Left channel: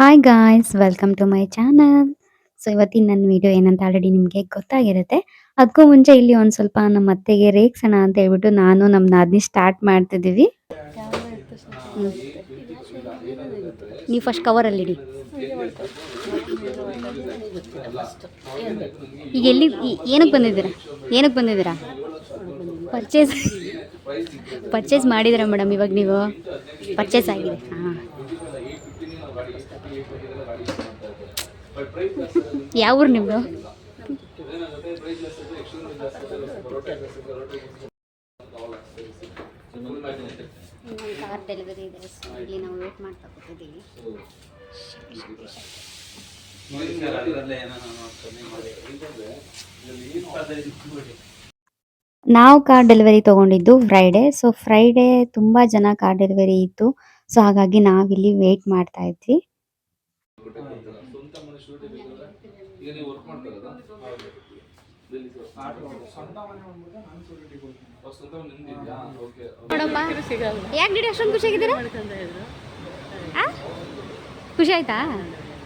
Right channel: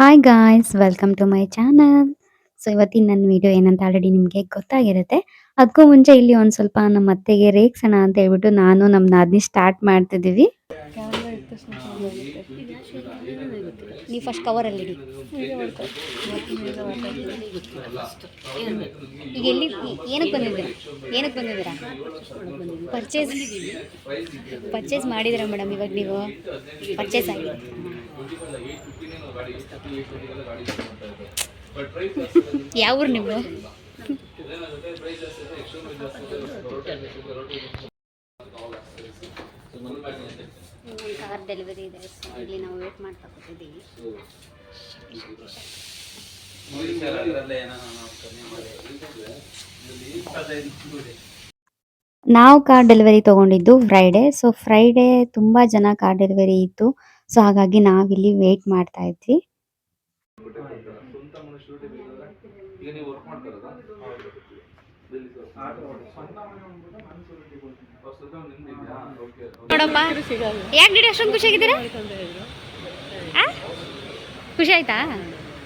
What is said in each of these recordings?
Hi guys welcome to my channel. So ಇವತ್ತಿನ ನನ್ನ video ಏನಂತ ಆಲ್ರೆಡಿ ನಿಮಗೆ ಗೊತ್ತಾಗಿರುತ್ತೆ. ಅದಕ್ಕೂ ಮುಂಚೆ ಇಲ್ಲಿ ಒಂದು ಸ್ವಲ್ಪ ನಮ್ಮ ಅತ್ತೆಗೆ ರೇಗ್ಸೋಣ ಅಂತ ಹೇಳ್ಬಿಟ್ಟು ನಾನು ನಮ್ಮ ನಾದಿನಿ ಸ್ಟಾರ್ಟ್ ಮಾಡ್ತಿದ್ದೀವಿ. ನೀವು ಫಸ್ಟ್ ಕವರಲ್ಲಿಡಿ. ಈಗ ಎಲ್ಲಿ ಏನಕ್ಕೆ ಬಂದಿದ್ದೀರಾ ಪರ್ಚೇಸ್ ಮಾಡಿದ್ದೀರಾ ಮೇಡಮ್? ಇವಾಗ ನೀವು ಪರ್ಚೇಸ್ ಆಗಿದೆ. ಯಾವ ಊರು ನಿಮ್ಮದು? ಕಾರ್ ಡೆಲಿವರಿ ಇದೆ, ಇಲ್ಲಿ ನಾವು ವೇಟ್ ಮಾಡ್ತಾ ಕೂತಿದ್ದೀವಿ. ನಾವು ಕಾರ್ ಡೆಲಿವರಿ ತೊಗೊಂಡಿದ್ದು ಫ್ರೈಡೇ. ಸೊ ಫ್ರೈಡೇ ತುಂಬ ಜನ ಕಾರ್ ಡೆಲಿವರಿ ಇತ್ತು. ಸೊ ಹಾಗಾಗಿ ನಾವಿಲ್ಲಿ ವೇಟ್ ಮಾಡ್ತಾ ಇದ್ವಿ. ನೋಡಪ್ಪ, ಯಾಕೆ ಗಿಡ ಅಷ್ಟೊಂದು ಖುಷಿಯಾಗಿದ್ದೀರಾ? ಖುಷಿ ಆಯ್ತಾ?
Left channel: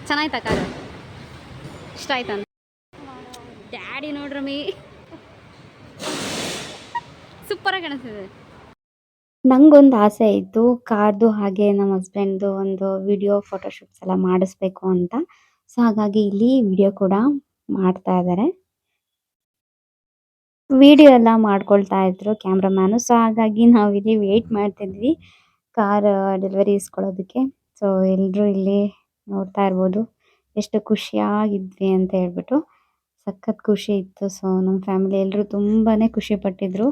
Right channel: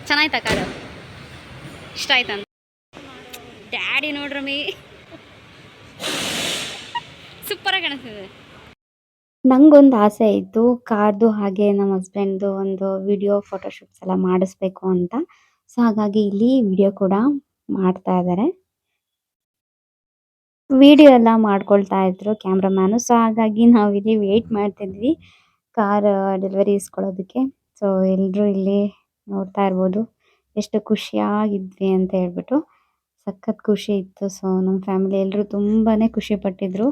ಚೆನ್ನಾಯ್ತಾ ಕಾರು? ಇಷ್ಟ ಆಯ್ತಾ? ಡ್ಯಾಡಿ ನೋಡ್ರಮ್ಮಿ ಸೂಪರಾಗಿ ಕಾಣಿಸ್ತಿದೆ. ನಂಗೊಂದು ಆಸೆ ಇತ್ತು ಕಾರ್ದು ಹಾಗೆ ನಮ್ಮ ಹಸ್ಬೆಂಡ್ದು ಒಂದು ವಿಡಿಯೋ ಫೋಟೋಶೂಟ್ಸ್ ಎಲ್ಲ ಮಾಡಿಸ್ಬೇಕು ಅಂತ. ಸೊ ಹಾಗಾಗಿ ಇಲ್ಲಿ ವಿಡಿಯೋ ಕೂಡ ಮಾಡ್ತಾ ಇದ್ದಾರೆ. ವಿಡಿಯೋ ಎಲ್ಲ ಮಾಡ್ಕೊಳ್ತಾ ಇದ್ರು ಕ್ಯಾಮ್ರಾಮ್ಯಾನು. ಸೊ ಹಾಗಾಗಿ ನಾವಿಲ್ಲಿ ವೇಟ್ ಮಾಡ್ತಿದ್ವಿ ಕಾರ್ ಡೆಲಿವರಿ ಇಸ್ಕೊಳ್ಳೋದಕ್ಕೆ. ಸೊ ಎಲ್ಲರೂ ಇಲ್ಲಿ ನೋಡ್ತಾ ಇರ್ಬೋದು ಎಷ್ಟು ಖುಷಿಯಾಗಿದ್ವಿ ಅಂತ ಹೇಳ್ಬಿಟ್ಟು. ಸಖತ್ ಖುಷಿ ಇತ್ತು. ಸೊ ನಮ್ಮ ಫ್ಯಾಮಿಲಿ ಎಲ್ಲರೂ ತುಂಬಾ ಖುಷಿ ಪಟ್ಟಿದ್ರು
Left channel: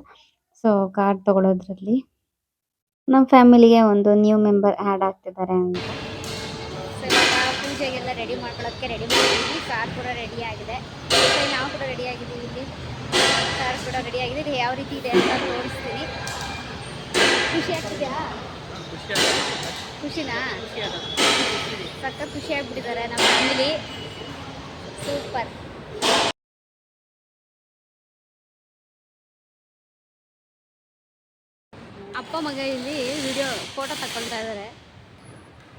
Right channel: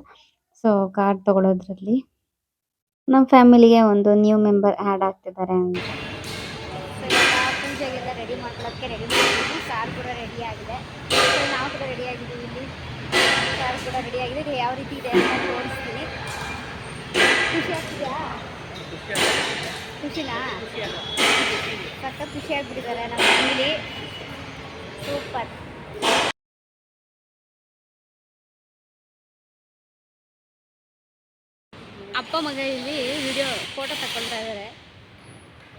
ಸೊ ಕಾರ್ ತಗೊಳ್ಳೋದ್ರಲ್ಲಿ. ನಮ್ಮ ಫ್ಯಾಮಿಲಿಗೆ ಒಂದು ನ್ಯೂ ಮೆಂಬರ್ ಆ್ಯಡ್ ಆಗ್ತಿದ್ದಾರೆ ಅಂತ. ಸೊ ಇವಾಗ ಪೂಜೆಗೆಲ್ಲ ರೆಡಿ ಮಾಡ್ಕೊಳ್ಳೋದಕ್ಕೆ ರೆಡಿ ಮಾಡಿದ್ವಿ. ಕಾರ್ ಕೂಡ ರೆಡಿ ಆಗಿದೆ. ಸೊ ನಾವು ಕೂಡ ರೆಡಿ ಆಗಿದ್ದೀವಿ. ಇಲ್ಲಿ ಕಾರ್ ಕೂಡ ರೆಡಿ ಆಗಿದೆ. ಇದು ಯಾವ ರೀತಿ ಇದೆ ಅಂತ ತೋರಿಸ್ತೀನಿ. ಖುಷಿ ಆಗ್ತಿದೆಯಾ? ಖುಷಿನಾ? ಸಖತ್ ಖುಷಿ ಆಗಿಬಿಟ್ಟಿದ್ದಾರೆ ನಮ್ಮ ಫ್ಯಾಮಿಲಿ. ಸೂಪರ್. ಅಪ್ಪ ಮಗ ಇಲ್ಲಿ ವಿಡಿಯೋ ಫೋಟೋ ತಗೊಳ್ತಾ ಇದ್ದಾರೆ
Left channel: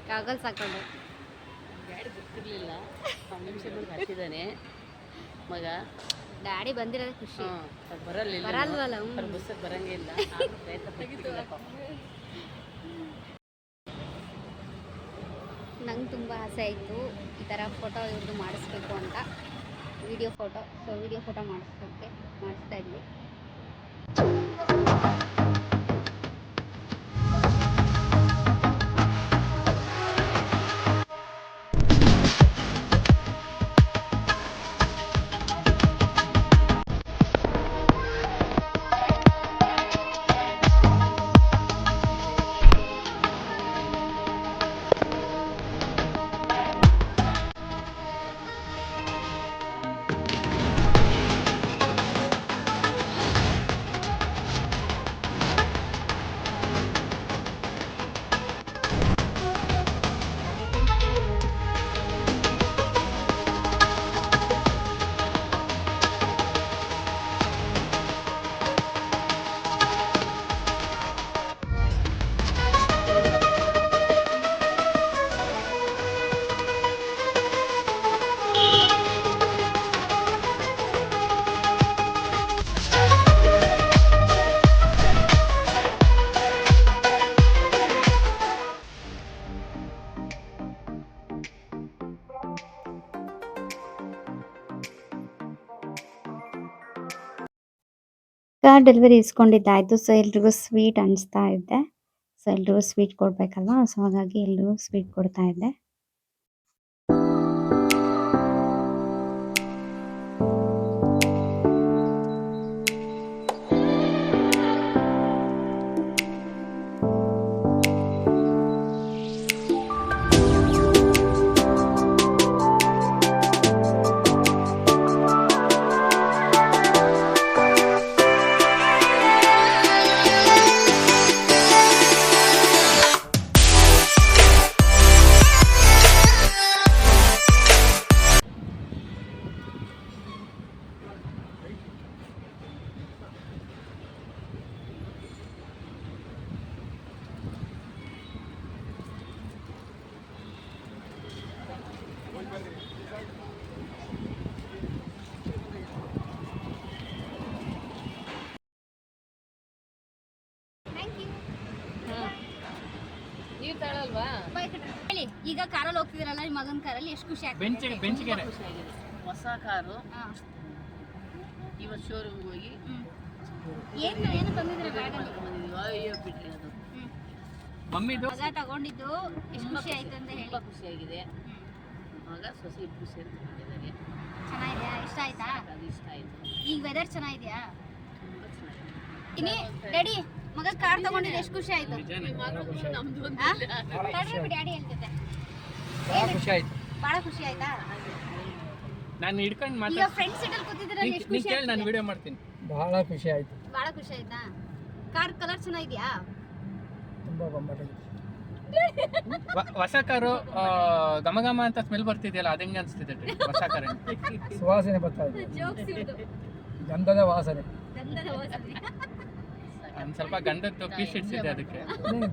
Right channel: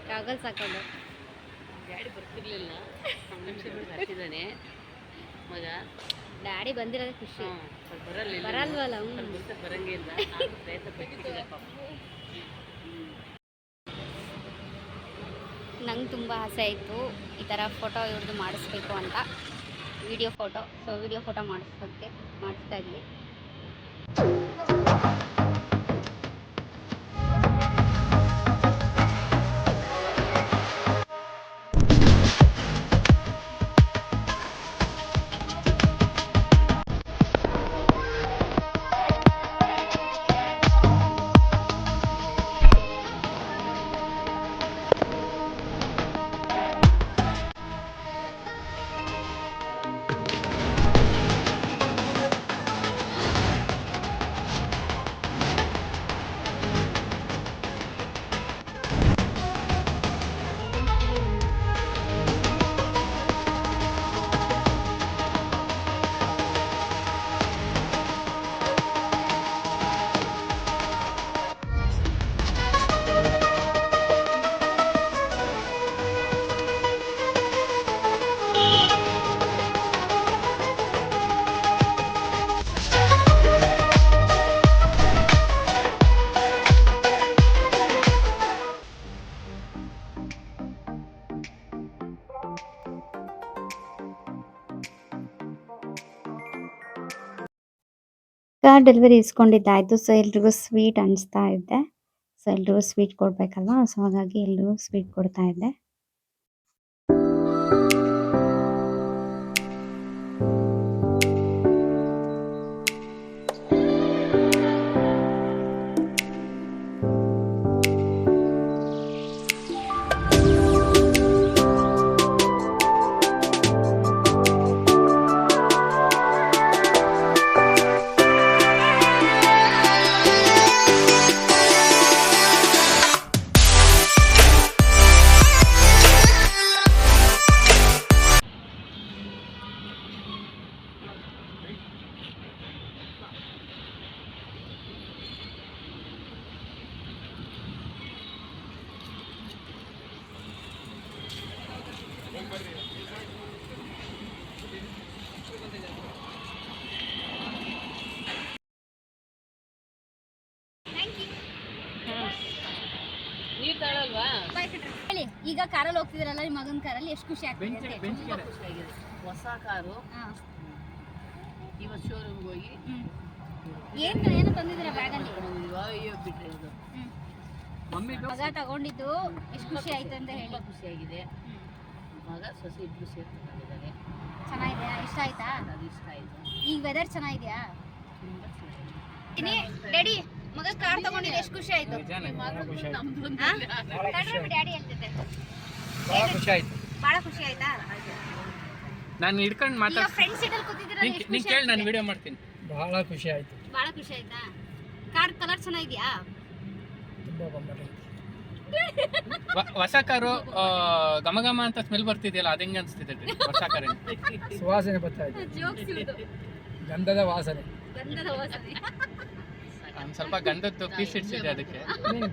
ಕಾಗಲ್ಸ್ ಹಾಕೊಂಡು. ಡ್ಯಾಡಿ ಬರ್ತಿರ್ಲಿಲ್ಲ, ಮಗ ಡ್ಯಾಡಿ ಬಂದಿರೋದೇ ಖುಷಿ. ಬರಲ್ವಲ್ಲ, ಬರಂಗಿಲ್ಲ. ನಂಗೆ ತುಂಬ ಆಸೆ ಆಯಿತು ಈ ಥರ ಫೋಟೋ ಇವ್ರದ್ದು ಮಾಡಿಸ್ಬೇಕು ಅಂತ, video photo. So video photo ಮಾಡಿಸ್ತಾ ಇದ್ವಿ. ಕಾರ್ ಡೆಲಿವರಿ ಇಸ್ಕೊಂಡಿದ್ದಾಯಿತು. ಸೊ ಎಲ್ರಿಗೂ ಸ್ವೀಟ್ ಹಂಚ್ತಾ ಇದ್ದೆ. ಸೊ ಎಲ್ರಿಗೂ ಸ್ವೀಟ್ ಕೊಡಬೇಕಲ್ವಾ, ಸೊ ಹಾಗಾಗಿ ಎಲ್ರಿಗೂ ಸ್ವೀಟ್ ಕೊಡ್ತಾ ಇದ್ದೆ. ಹೇಳಿ, ಈಗ ಕಾರಲ್ಲಿ ಹೋಗ್ತಿದ್ರಲ್ಲ ನಿಮ್ಮ ಮಗನ ಕಾರಲ್ಲಿ ಎಷ್ಟು ಖುಷಿ ಆಗ್ತಿದೆ? ಹೊಸ ಕಾರು ಇವತ್ತು ಶೋರೂಮ್ಗೆ ಹೋಗಿ ಏನು ತಂದಿದ್ರೆ ಬ್ಯಾಗಲ್ಲಿ? ಅಯ್ಯೋ ಬಿಟ್ರಿ ಅದು ಮಗ ತಗೊಂಡಿದ್ದು ಎಷ್ಟು ಖುಷಿ ಆಯ್ತು ಅಂತ ಹೇಳಿ. ತುಂಬ ಖುಷಿಯಾಗಿದೆ. ಮಗ ಸೊಸೆ ಇಬ್ಬರು ಸೇರಿ ತಗೊಂಡಿದ್ದಾರೆ. ಚೆನ್ನಾಗಿದೆಯಾ? ಇಷ್ಟ ಆಯ್ತಾ? ಅದು ಇಷ್ಟ ಆಯ್ತು. ಈಗ ವೆದರ್ ಚೆನ್ನಾಗಿದೆಯಾ? ತುಂಬ ಚೆನ್ನಾಗಿದೆ. ಡ್ಯಾಡಿ ಮಗ ಕಾರ್ ತಗೊಂಡಿದ್ದು ಎಷ್ಟು ಖುಷಿ ಆಯ್ತು? ನಮ್ದು ಡ್ಯಾಡಿ ಹೇಳ್ತಿದ್ದೆ ಬಹಳ ಖುಷಿ ಆಯ್ತು. ಬಹಳ ಖುಷಿ ಆಯ್ತಾ? ನಾನು ಹಿಡ್ಕೊಂಡು ಈಗ ಮಾತಾಡ್ತೀನಿ. ಫ್ರೆಂಡ್ ಸೀಟಲ್ಲಿ ಕೂತಿದ್ದೀರಾ, ಎಷ್ಟು ನೀ ಖುಷಿ ಕೇಳಿ, ನಾನು ಆಗ್ತಿದೆ? ವಿಡಿಯೋ ಮಾಡ್ತೀನಿ. ಬಹಳ ಖುಷಿ ಆಯ್ತು. ಬಹಳ ಖುಷಿ ಆಯ್ತಾ? ಕಾರ್ ಕಲರ್ ಚೆನ್ನಾಗಿದ್ಯಾ? ತುಂಬಾ ಬೊಂಬಾಟ್. ಹೊಸ ಕಾರು ಘಮ ಘಮ ಅಂತ ಸ್ಮೆಲ್ ಬರ್ತಿದೆಯಲ್ಲ, ಅದು ಹೆಂಗೆ ಅನಿಸ್ತಿದೆ ಹೊಸ ಕಾರಿನ? ಸುವಾಸನೆ ಬರ್ತಾ ಇದೆ, ಜೋಕ್ಸ್ ಇವ್ರದ್ದು. ಗಂಧದ ವಾಸನೆ. ಗಂಧದ ವಾಸನೆ. ಒಂದು ಸ್ವಲ್ಪ ಗಂಧದ್ದು ಪೀಸ್ ಇಡ್ಸಿದೆ ಅದಕ್ಕೆ.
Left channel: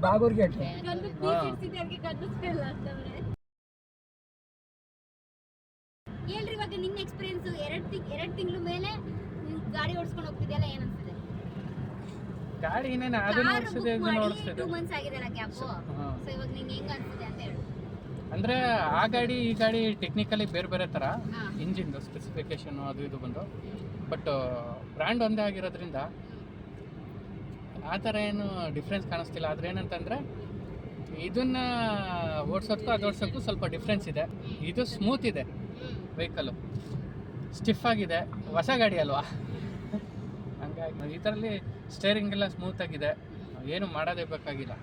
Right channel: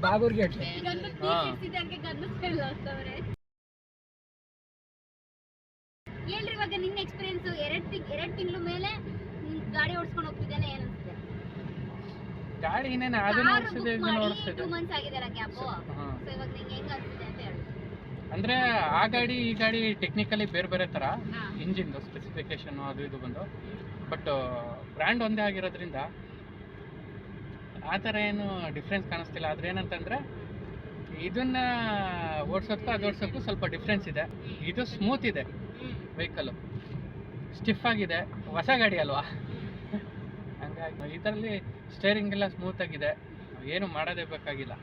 ಬಾಗೂರ್ಗೆ ಗಂಧದ ಪೀಸ್ ಇಡ್ಸಿದೆ, ಅದಕ್ಕೆ ಗಂಧದ ಸ್ಮೆಲ್ ಆಗ್ತವ್ರೆ. ಹೇಳ್ರಿ, ಇವಾಗ ನಿನ್ನ ಎಕ್ಸ್ಪೀರಿಯನ್ಸ್, ಎರಡು ತಿಂಗಳ ಮೇಲೆ ನೀನ್ ಗಾಡಿ ಓಡಿಸ್ಕೊಂಡು ಹೋಗ್ತಿದ್ಯಲ್ಲ, ಏನ್ ಅನ್ಸುತ್ತೆ? ಗಾಡಿ ಇನ್ನೇನು ಅದನ್ನ ಓಡಿಸ್ತಿದೆ, ಇದನ್ನ ಓಡಿಸ್ತಿದೆ. 2 months ಆಗಿದೆಲ್ಲ ಗ್ಯಾಪ್. ಸೊ ಹಾ. ಇವಾಗ ನಿಂಗೆ ಹೆಂಗ್ ಅನ್ಸುತ್ತೆ ಅಂತ ಹೇಳು. ಅಂದ್ರೆ ಆ ಗಾಡಿ ಈ ಗಾಡಿ ಟೆಕ್ನಿಕಲಿ ಬೇರೆ ಬೇರೆ ತರ, ಹಾ. ಇಂಜಿನ್ದು ಸ್ಪೆಸಿಫಿಕೇಶನ್ ಅದು ಇದು ಬಂದು, ಬಟ್ ಬ್ರ್ಯಾಂಡ್ ಒಂದೇ ಆಗಿರೋದ್ರಿಂದ ಆ ಥರ ಏನು ಡಿಫ್ರೆನ್ಸ್ ಕಾಣಿಸ್ತಿಲ್ಲ. ಆದ್ರೆ ಏನಂತಂದ್ರೆ ಇದನ್ನ ಓಡಿಸೋದಕ್ಕೂ ಅದು ಓಡಿಸೋಕ್ಕೂ ಸ್ವಲ್ಪ ಡಿಫ್ರೆನ್ಸ್ ಇದೆ. ಇದು ಸ್ಮೂತ್ ಇದೆ ವೆಹಿಕಲ್ಲು, ಸ್ಟಿಫ್ ಆಗಿದೆ, ಹೊಸ ಗಾಡಿ ಅಲ್ವಾ, ಹಂಗಾಗಿ ಇದರಲ್ಲಿ ಸ್ಟೇರಿಂಗ್ ಎಲ್ಲ ಸ್ಮೂತ್ ಆಗಿದೆ, ಏನು ಮಾಡೋದೇ ಬೇಕಾಗಿಲ್ಲ,